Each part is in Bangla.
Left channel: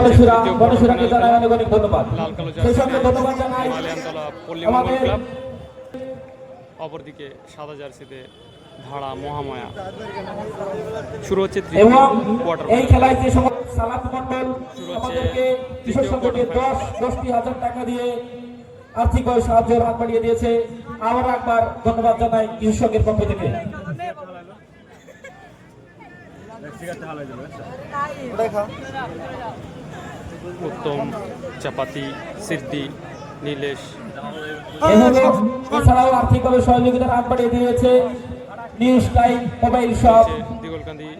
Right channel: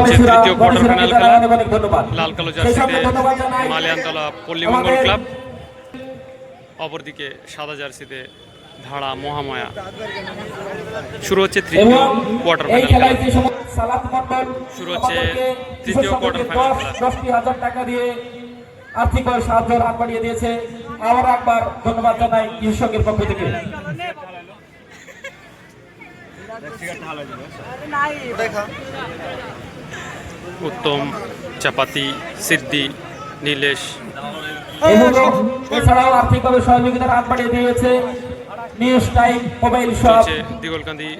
তৃতীয় কোয়ার্টার ফাইনাল খেলা। লাল কালো জার্সিতে মালিয়ানতলা পল্লীমঙ্গল ক্লাব। অপরদিকে সাদা জার্সিতে ধারা মহামায়া। শুরু হচ্ছে তৃতীয় কোয়ার্টার ফাইনাল খেলা। শুরু হচ্ছে তৃতীয় final দশ- খেলা। টাকা দিয়ে আর্থিক সাহায্যের হাত বাড়িয়ে দিয়েছে। আবার একবার ধন্যবাদ জানাই কৃষকের পক্ষ থেকে। উত্তম চাপাতি সিদ্ধি নীলেশ। এছাড়াও আর্থিকভাবে সহযোগিতার হাত বাড়িয়ে দিয়েছে news time mobile shop. Digalkandi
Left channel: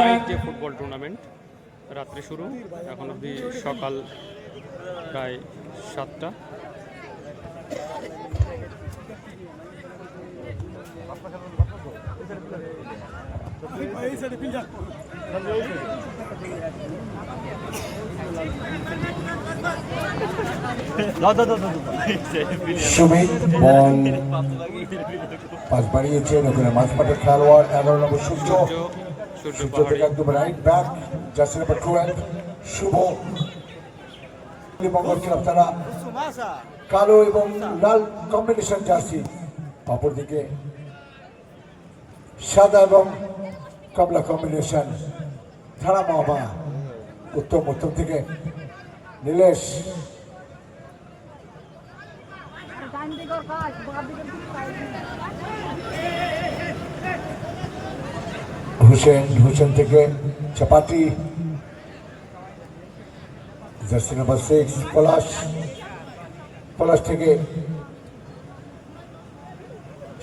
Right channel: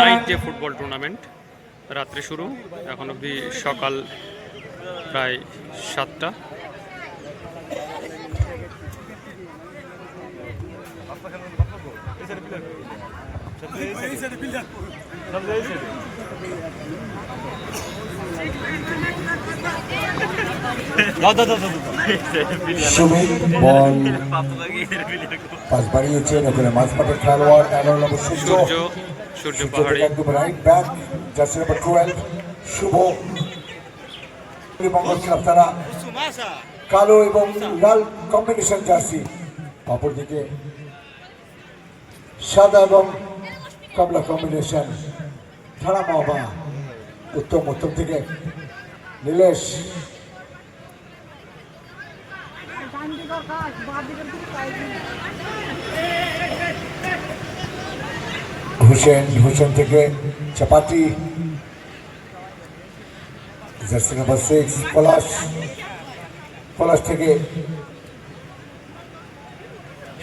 night day football tournament রাত্রে শুরু এখন অবধি সকাল প্রায় সাতটা। সুমিত বল পাস বাড়িয়েছেন ওখানে মাঝমাঠের খেলোয়াড় এগারো নম্বর সূর্য। সূর্য সূর্য পাহাড়ি। একদম right back jersey number twelve Shubho. মঙ্গল তারা কালো এবং লাল কম্বিনেশন জার্সি। অপরদিকে সাদা এবং কম্বিনেশন থানা মহবা উত্তম উত্তম থেকে নীলেশ। হুসেন হুসেন থেকে চাপাতি। নাম্বার সিক্স পলাশ। পলাশ থেকে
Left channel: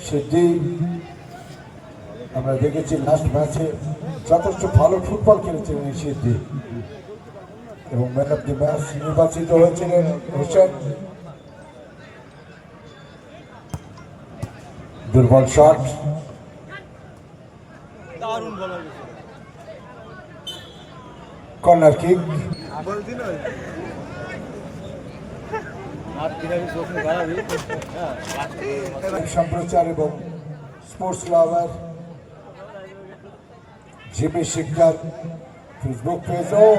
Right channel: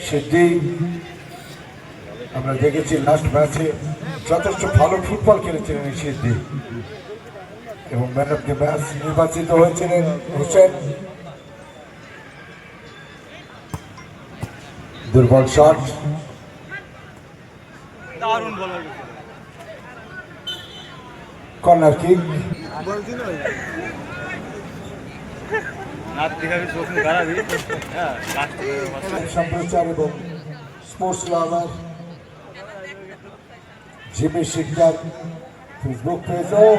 সিদ্ধি আমরা দেখেছি লাস্ট ম্যাচে যথেষ্ট ভালো ফুটবল খেলেছিলেন সিদ্ধি এবং ম্যান অফ দি ম্যাচ নির্বাচিত হয়েছিলেন হুসেন। দুর্বল শট কর্নার কিক সম্প্রচার এবং sports lover Jimmy Sikdar Facebook page ও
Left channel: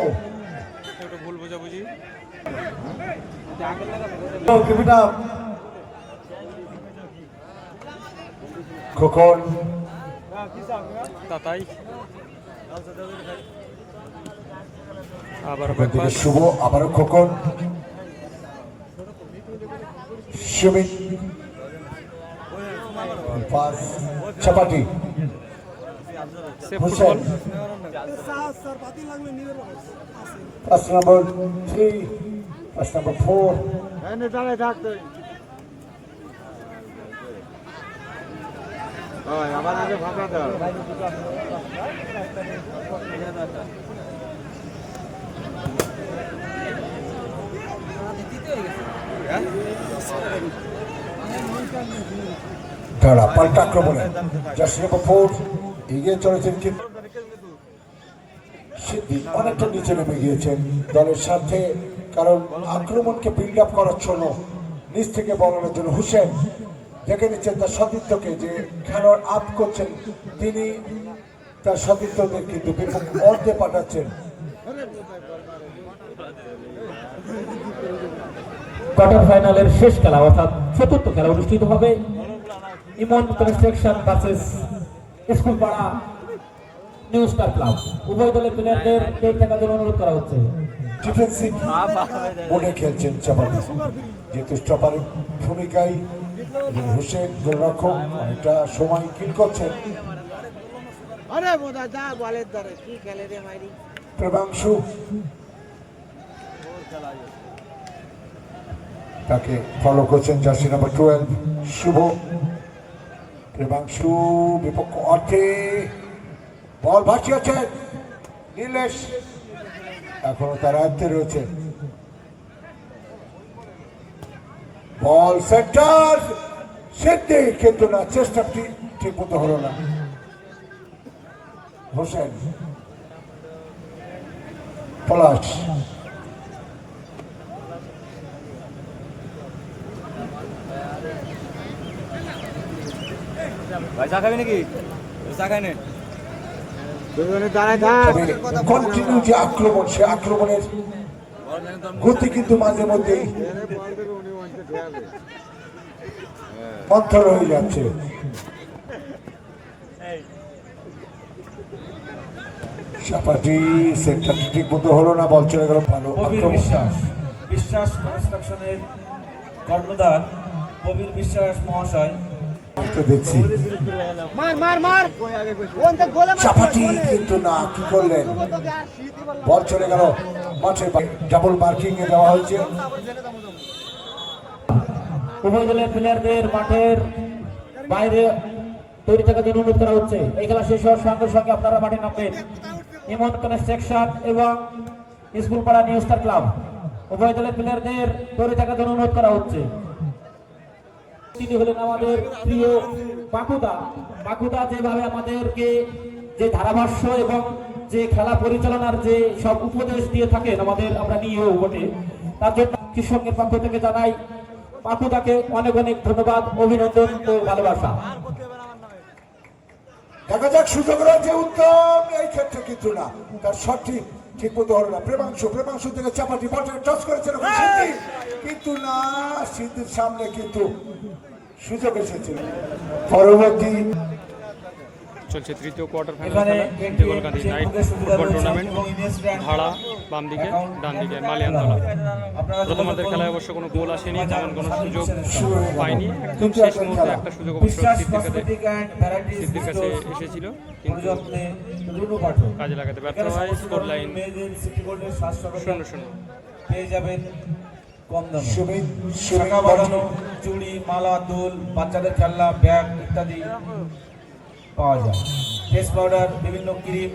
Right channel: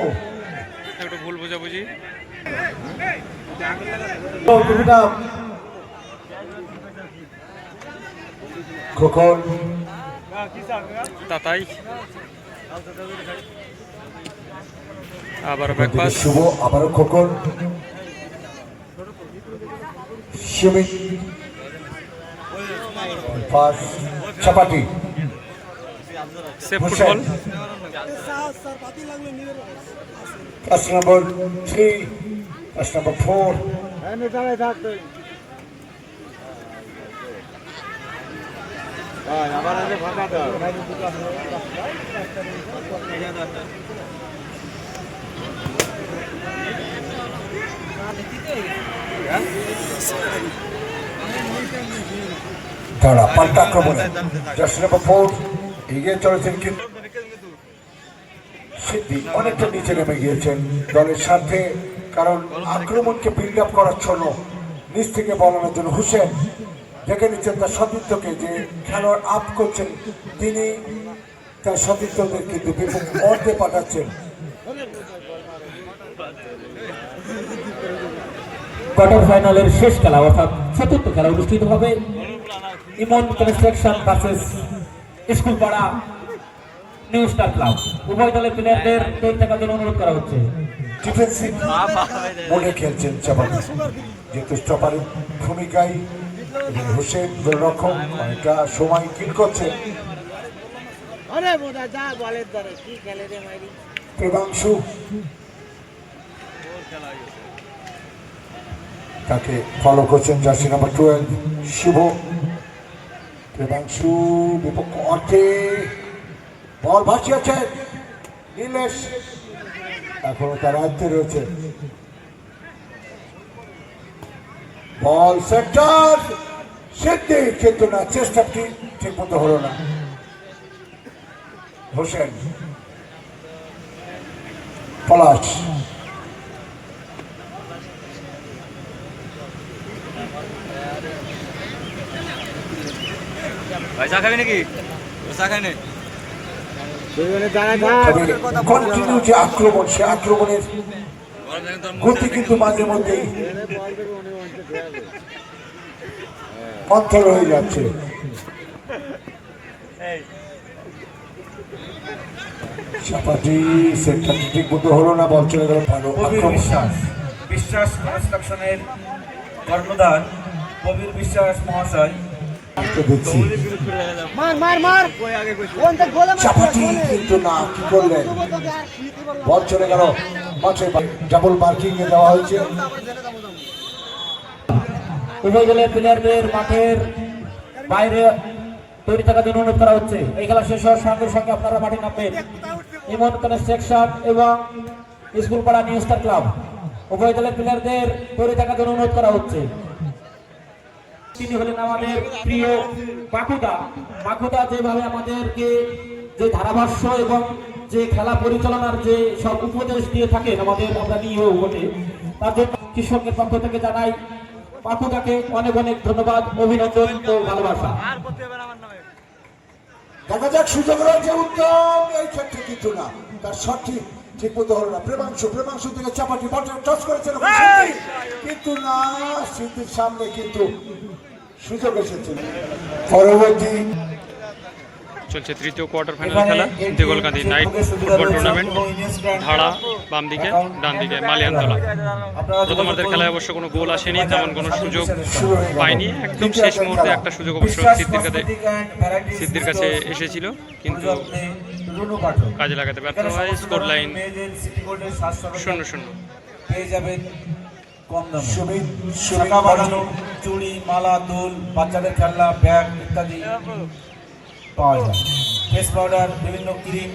একটু ভুল বোঝাবুঝি। খোকন। তাতাই। আবার ব্যাকপাস। শুভ আবারও খোকন। সুমিত পাস চাপাটি। Safe football pass number three pass number four আবার আগে ফাঁকা দাও তারা পাল্টা আক্রমণে জার্সি নম্বর ফোর এগিয়ে চলেছেন কিন্তু সিদ্ধি অনেকটা নিচে নেমে গিয়েছেন দলের সাথে কারণ আক্রমণকে বিল্ড আপ করার জন্য নিচ থেকে বলানোর জন্য হুসেন দেখে নিচ্ছেন তার সতীর্থকে যে খেলোয়াড় আপ করছেন তিনি তার সতীর্থদের কিন্তু অর্ধে পাঠাচ্ছেন কোয়ার্টার ফাইনালের শেষ খেলা অর্থাৎ চতুর্থ খেলা অনুষ্ঠিত হবে ইমন কনস্ট্রাকশন ভার্সেস স্কুল পাড়া নিউ স্টার ক্লাব উভয় দলের প্লেয়ারদের থাকার জন্য অনুরোধ করা হচ্ছে। ডিফেন্সিভ মোডে খেলছেন চাপাতি যেহেতু স্টপারের ভূমিকায় সময় কিল আরে বোধা যা বলের ধরে কি খেলে রে মাইরি? প্রেমাংশু তাকে ফলো করছেন জার্সি নম্বর টুয়েলভ শুভ। প্রেমাংশু বিপক্ষ অর্থে বল ভাসিয়েছে। নীলেশ, এখনও তার আয়ত্তে রয়েছে। বল সেন্টার, সিদ্ধি, কিন্তু না চেষ্টাটি ঠিক মতো হলো না। হোসেন, পলাশ। ভাই চা খাবি নাকি? চা খাই নে। কন্টিনিউ যে আক্রমণ সে আক্রমণের গতি কিন্তু মাঝে মন্থর হয়ে যাচ্ছে। চাপাটি সেন্টার ঠিক মতো হলো না বল চলে গেল ভালো কবির বিশ্বাস বিশ্বাস কনস্ট্রাকশনের কর্ণধার কবির বিশ্বাস মহাশয়। দেখছি মার মার মার। কোন তো গোলে চাপাটি কিন্তু না কি করলেন? বল চলে গেল। মাঠে ডাবল মার্কিং এ দেওয়া হয়েছে। উভয় দলের প্লেয়ারদের মাঠের বাইরে তৈরি থাকার জন্য অনুরোধ করা হচ্ছে। এই খেলা শেষ হওয়ার সঙ্গে সঙ্গে আপনারা মাঠে নামবেন। ইমন কনস্ট্রাকশন এবং স্কুল পাড়া নিউ ক্লাব। উভয় দলের প্লেয়ারদের তৈরি থাকার জন্য অনুরোধ করা হচ্ছে। তিনি হলেন আমাদের প্রিয় বাকুদা। বাকুদা যেভাবে আমাদেরকে যে ধারাভাষ্য এবং যে খেলা পরিচালনার যে সব উপদেশ দিয়ে থাকেন আমাদের, আমরা নিয়েও বটে। তার জন্য কৃষকের পক্ষ থেকে জানাই, বাকুদাকে অনেক অনেক ধন্যবাদ, অভিনন্দন ও ভালোবাসা। দেখা যাক সুযোগ রয়েছে উত্তম, এই ক্ষেত্রে কিন্তু না, তার সঠিক ঠিক মতো হলো না। প্রেমাংশু প্রেমাংশু থেকে চাপাটি বাটন টচ করেছিল কিন্তু না সিদ্ধির সামনে কিন্তু সুযোগ এসেছিল পরবর্তী চলছে তৃতীয় কোয়ার্টার ফাইনাল খেলা। Deglakandi night football tournament. ধারা বাম দিকে ডান দিকে মালিয়ানতলা। প্রথমার্ধের খেলায় অবশ্য কোনো গোল আসেনি তেমন কোনো সুযোগ পায়নি। একদম শেষ মুহূর্তে একটা সুযোগ অবশ্য সিদ্ধির কাছে সিদ্ধির কাছে এসেছিল। কিন্তু কাজে লাগাতে ব্যর্থ হয় স্কোর লাইন শূন্য শূন্য। পেয়ে যাবেন কম দামে। শাখা বাঁধানো চুড়ি মালা দোল বাচ্চাদের খেলনা ব্যাগ ইত্যাদি পাওয়া যায়। ফেস পাউডার বিভিন্ন ক্রিম।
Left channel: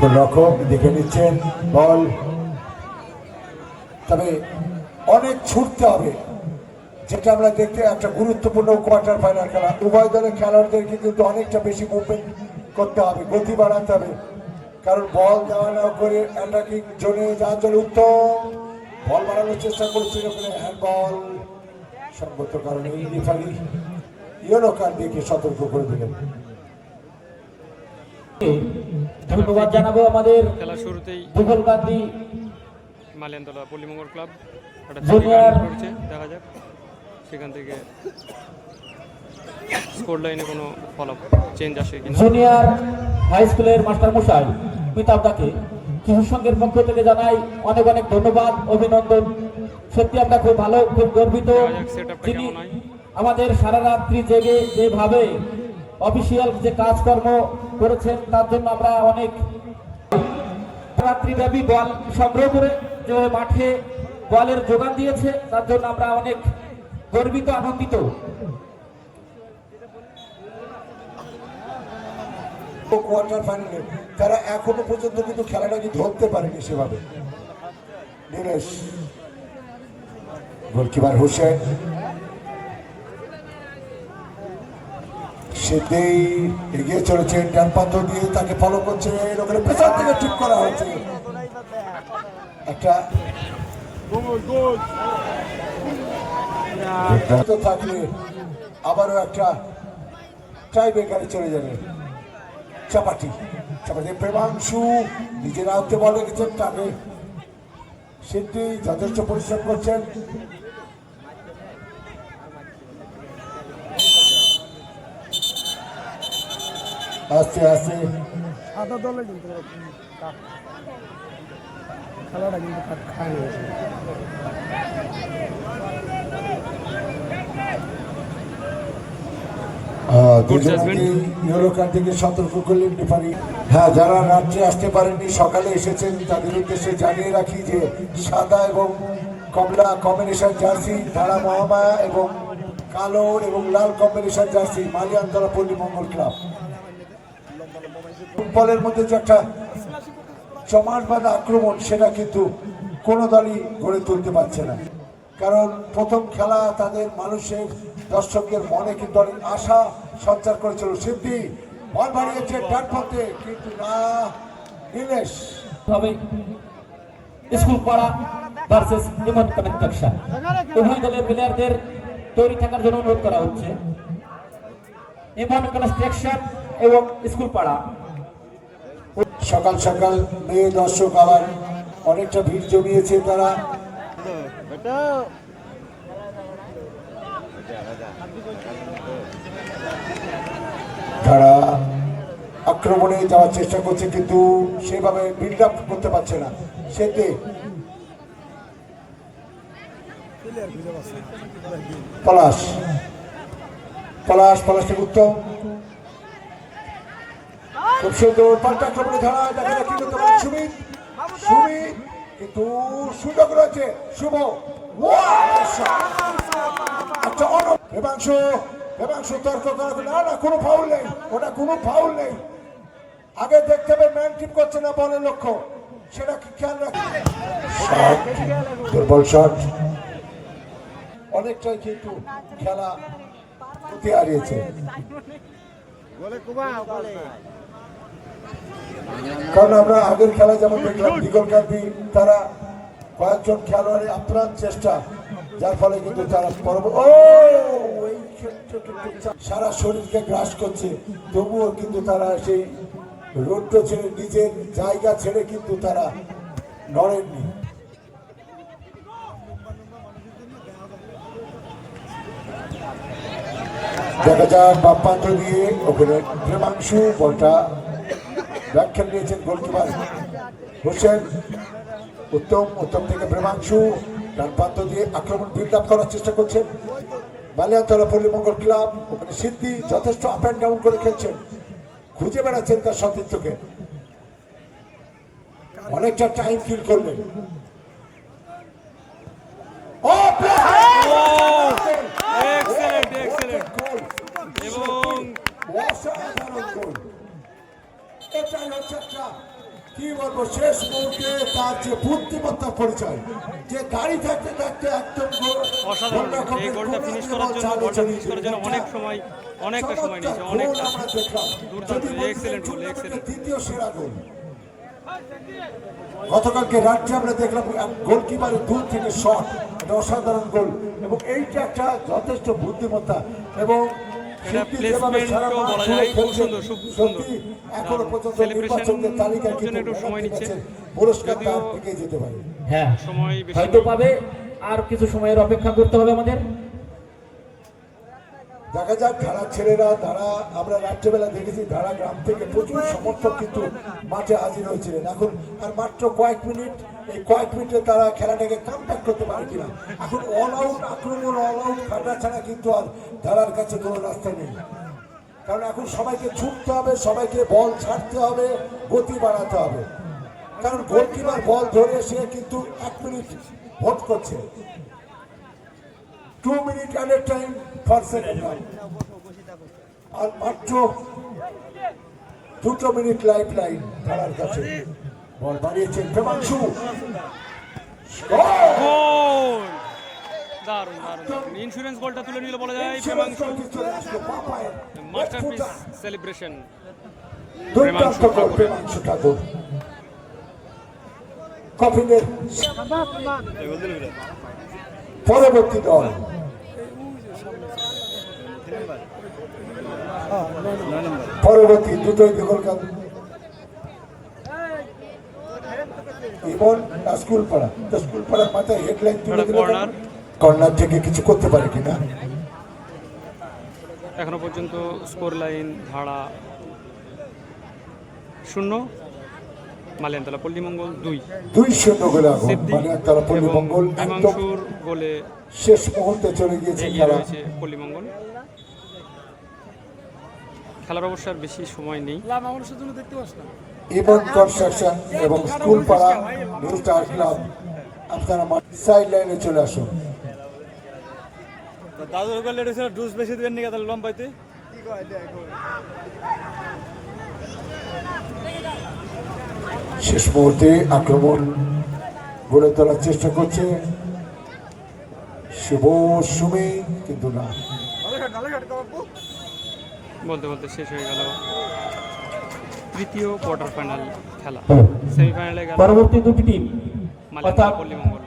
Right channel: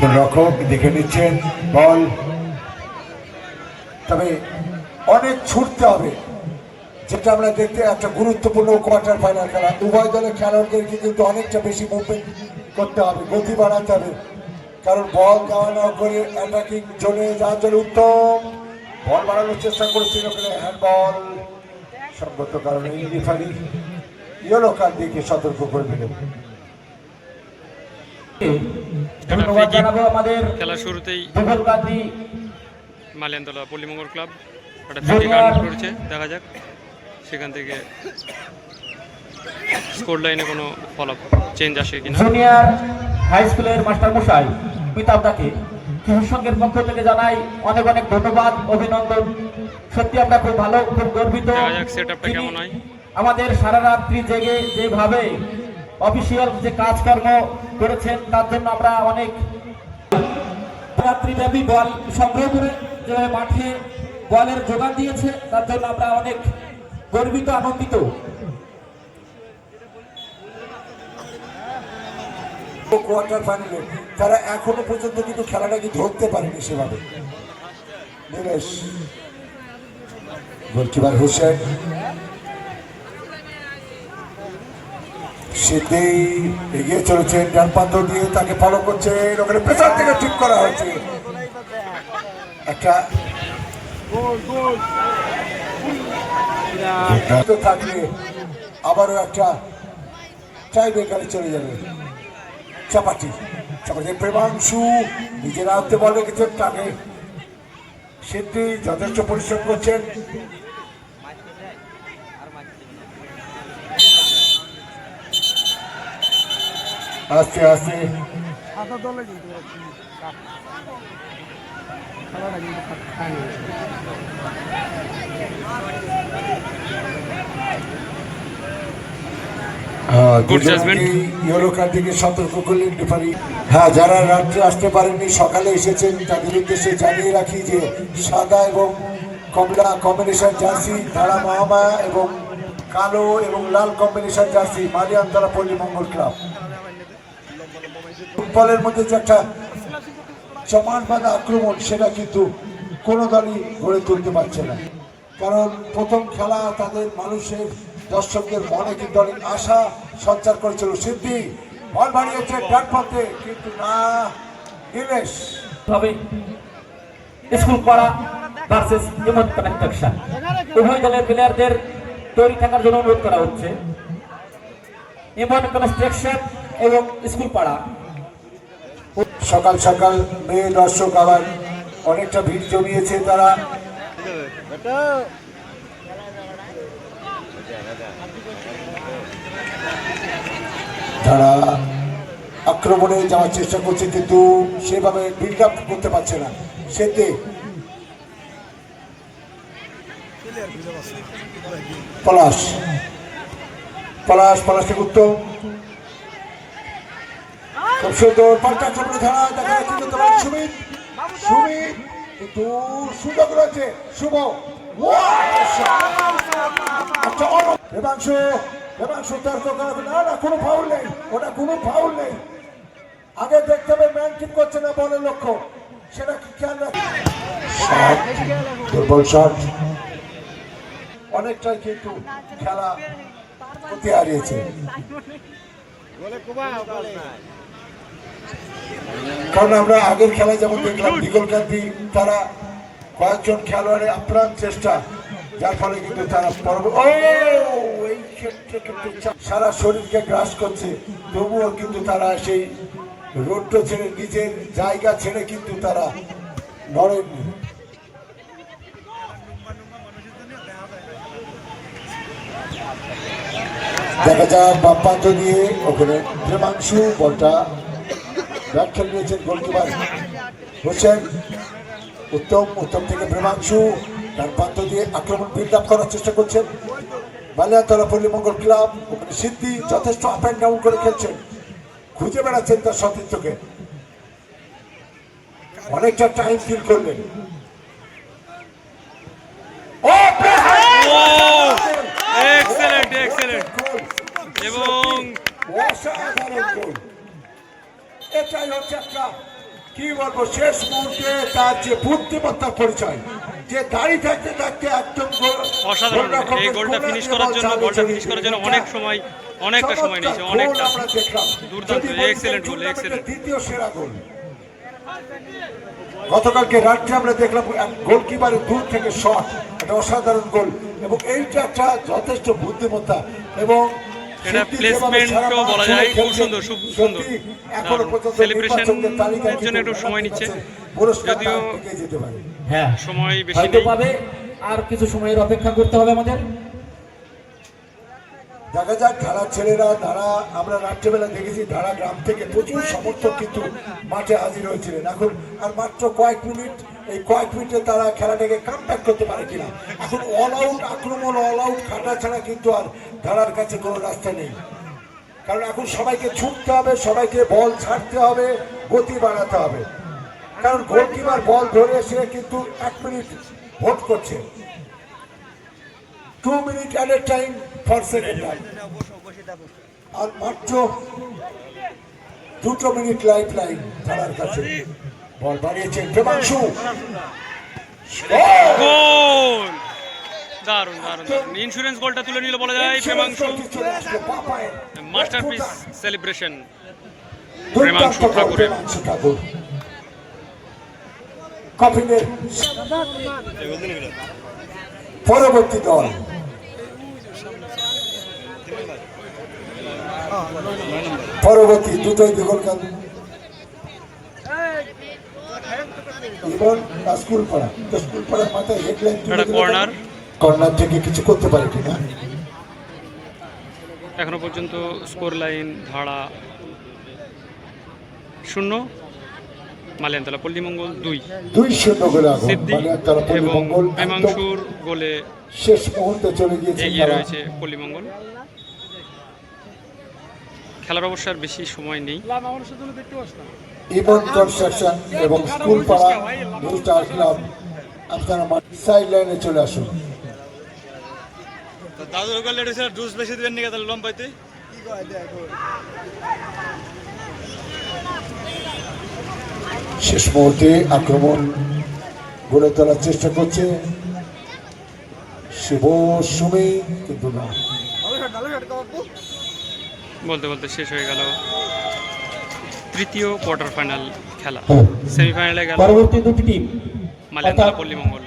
গোলরক্ষক দেখে নিচ্ছেন বল। তবে অনেক ছুটতে হবে। যেটা আমরা দেখতে একটা গুরুত্বপূর্ণ কোয়ার্টার ফাইনাল খেলা। উভয় দলের খেলোয়াড়দেরকে কিন্তু অনেকটা বেশি মুভমেন্ট করতে হবে গতি বাড়াতে হবে। কারণ বল দেওয়া না করে অ্যাটাকিং জোনে যাওয়ার জন্য উত্তম। বল বাড়ানোর চেষ্টা করেছিল ওখানে হ্যান্ড বল সঙ্গত কারণে রেফারি ইয়েলো কার্ড দেখে সতর্ক করে দিলেন। ধন্যবাদ জানাব আমাদের খেলার শুরুতেই মালিয়ানতলা পল্লীমঙ্গল ক্লাব করেছে দেখা যাক। সেখান থেকে স্কোর লাইনে কোনো ফলাফ চেঞ্জ আসে কিনা? জুনিয়র হাই স্কুলের মাস্টার মশাই পিতাবদাকে কৃষক সংঘের পক্ষ থেকে জানাই অনেক অনেক ধন্যবাদ অভিনন্দন। সত্যি আমরা খুব ভালো খুব গর্বিত। দেখা যাক সেটআপটা কেমন হয়। আমাদের সারা রাত্রি জেগে যেভাবে অফিসিয়াল যে কাজকর্ম করেছেন তার জন্য আমরা অনেক রাত্রিব্যাপী বল সংগ্রহ করে যে মাঠে বলের যোগান দিয়েছে তার জন্য আমরা অনেক গর্বিত, আনন্দিত। কোয়ার্টার তারা এখনও পর্যন্ত কিন্তু খেলাটাকে ধরতে পারেনি সেভাবে। গোলকিপার হোসেন। সিদ্ধি এগিয়ে চলেছেন ডান প্রান্ত দিয়ে, তাকে ফলো করছেন। ওখানে পেছন থেকে ঠিক করা হয়েছে। একটা থাকলে আবারও একটা টাই ব্রেকারে চলে যাবে। চাপাটি চাপাটি প্রেমাংশু নিজের আয়ত্তে বল রেখেছেন তাকে সিদ্ধি যথেষ্ট পরিশ্রম করছেন। আস্তে আস্তে। Good judgment. ইয়েলো কার্ড থেকে সতর্ক করলেন রেফারি হ্যাঁ যারা রাত্রে আসতে পারেননি সকালে এসেছেন তাদের উদ্দেশ্যে জানিয়ে রাখি যে সাদা এবং কমলা কম্বিনেশন জার্সি ধারা মহামায়া এবং কালো এবং লাল কম্বিনেশন জার্সি মালিয়ানতলা পল্লী মঙ্গল ক্লাব ফুটবলের মধ্যে যে একটা জমাট বাঁধা আক্রমণ সেটা কিন্তু কোনো দলই গড়ে তুলতে পারছে না। কারণ প্রথম খেলা তাদের মানুষের, দর্শকদের মনে কিন্তু অনেক আশা সঞ্চার করেছিল। সিদ্ধি বল বাড়িয়েছে ডান কিন্তু না, নীলেশ। হবে স্কুল পাড়া ভার্সেস ইমন কনস্ট্রাকশন। উভয় দলের প্লেয়ারদের তৈরি থাকার জন্য অনুরোধ করা হচ্ছে। ইমন কনস্ট্রাকশন এবং স্কুল পাড়া। সকাল সকাল মেয়ে দর্শক আবার অনেকটা ভিড় জমিয়েছে তারা। যারা আক্রমণে যাওয়ার চেষ্টা করছে কিন্তু সেভাবে বিল্ড আপ করতে পারছে না। সেতে পলাশ পলাশ পলাশ থেকে উত্তম। খুব সুন্দর দেখা সুমিত সুমিত, কিন্তু সুযোগ রয়েছে। শুভ। আচ্ছা না না, কোনো ফাউল নেই। ওটা কোনো ফাউল নেই। আগে দেখতে হবে ম্যান ঠিক করছে না বলের লক্ষ্য। সেটা কি খেয়াল রাখে? দুর্বল শট অনেকটাই কিন্তু খেলা হারিয়েছে। কারণ আমরা আগের খেলা যেমন দেখলাম, বিকল গান্ধী তারা কয়েকজন খেলোয়াড়ে আপ্রাণ চেষ্টা, যার ফলে কিন্তু তারা পরব- ও সারা শরীরকে গ্রাস করছে। তবুও কিন্তু তারা সেই রোডটা ছেড়ে, নিজের জায়গা ছেড়ে কিন্তু তারা নড়েননি দেখা যায় বাপ্পান্ত দিয়ে ওখানে প্রেমাংশু বলটা ব্যাট খেলে নিয়েছেন গোলকিপার হোসেন। উত্তম উত্তম থেকে প্রেমাংশু ডান প্রান্ত দিয়ে আক্রমণ বিল্ড আপ করার চেষ্টা করছেন। বালিয়াতলা পল্লী মঙ্গল ক্লাব। ওখানে সিদ্ধি যথেষ্ট আপ অ্যান্ড ডাউন করে খেলছেন। খুঁজে বেড়াচ্ছেন তার সতীর্থকে। অনেকটা টাইম ফিল করলেন। এবং এটাই হচ্ছে একটা কি বলব শেষ মুহূর্তে তার যে বুদ্ধিমত্তার পরিচয় যে দাঁড়িয়ে থাকতে থাকতে একদম অসাধারণ এই গোলটা ফিনিশ করার জন্য চালে ফিনিশ করার জন্য অনেক সময় অনেকটা সময় নিয়েছে। দুর্দান্ত। দ্বিতীয় সেরা গোল গতকালকে রাত্রে আমরা দেখলাম গোলকিপারের দূর থেকে শট একটা অসাধারণ গোল এবং এইটা একটা যথেষ্ট বুদ্ধিমত্তা এবং এটা প্লেসমেন্টও বলা যায়, খুব সুন্দর, খুব সুন্দর। তালিকায় এর জন্য একটু সময় নিচ্ছে। যদিও হ্যাঁ সময় বেশি নেই আর কিছু সময়ের অপেক্ষা করতে হবে আমাদের দেখা যাক, ধারা ছেলেরা, ধারা, আমরা রাত্রেবেলা দেখেছি ধারা গ্রাম থেকে প্রচুর সমর্থক কিন্তু মাঠে হাজির হয়েছিলেন। এখন আর মাত্র কয়েক মিনিট, এই কয়েক মিনিটে তারা খেলাটাকে কাম করতে পারে কিনা। এখন অল আউট আক্রমণ অল আউট খাটা ছাড়া কিন্তু আর ধারার কাছে কোনো রাস্তা নেই। কারণ এখন সবাইকে ছুটতে হবে, সবাইকে বল ছাড়তে হবে, গতি বাড়াতে হবে। কারণ গোলকিপার বল ধরে সে কিন্তু এক মিনিট ভোট করছে। Two minute at a time for second half আর মাত্র দুটো মিনিট লাইফ লাইন ধারার কাছে। বল বাড়িয়েছেন প্রেমাংশু গোল! দারুণ দারুণ দারুণ। ইন্স্যুরেন্স গোলটা তুলে নিল বলা যায় প্রেমাংশু মাস্টারপিস সেলিব্রেশন প্রেমাংশু ঠাকুরের। ঠাকুর। পরবর্তী দল। পরবর্তী দুটোই দিগলকাল এবং স্কুল পাড়া স্কুল পাড়ার মাথায় হেডলাইন একটা কর্নার? থেকে কিছু করতে পারে কিনা এখনও পর্যন্ত স্কোর লাইন ধারা শূন্য। মালিয়ানতলা পল্লীমঙ্গল দুই। দুই শূন্য গোলে সিদ্ধি এবং প্রেমাংশুর গোলে শেষ মুহূর্তে চলে গিয়েছে এগিয়ে রয়েছে পল্লীমঙ্গল খেলার অবশ্য আর বেশি সময় নেই। ইমন কনস্ট্রাকশন এবং স্কুল পাড়া নিউ স্টার ক্লাব আপনারা সাইড লাইনে চলে আসুন। দাদুর করলে এটা জুস বেশি দিবেন নাকি তাহলে লম্বাইতে শেষ মুহূর্তে আক্রমণ গড়ে তোলার চেষ্টা করছে। শুভ সুমে কিন্তু না বলতে বলতে শেষ হয়ে গেল তৃতীয় কোয়ার্টার ফাইনাল খেলা হ্যাঁ। সেমিফাইনালে গেল পরবর্তী দুটি টিম মালিয়ানতলা পল্লীমঙ্গল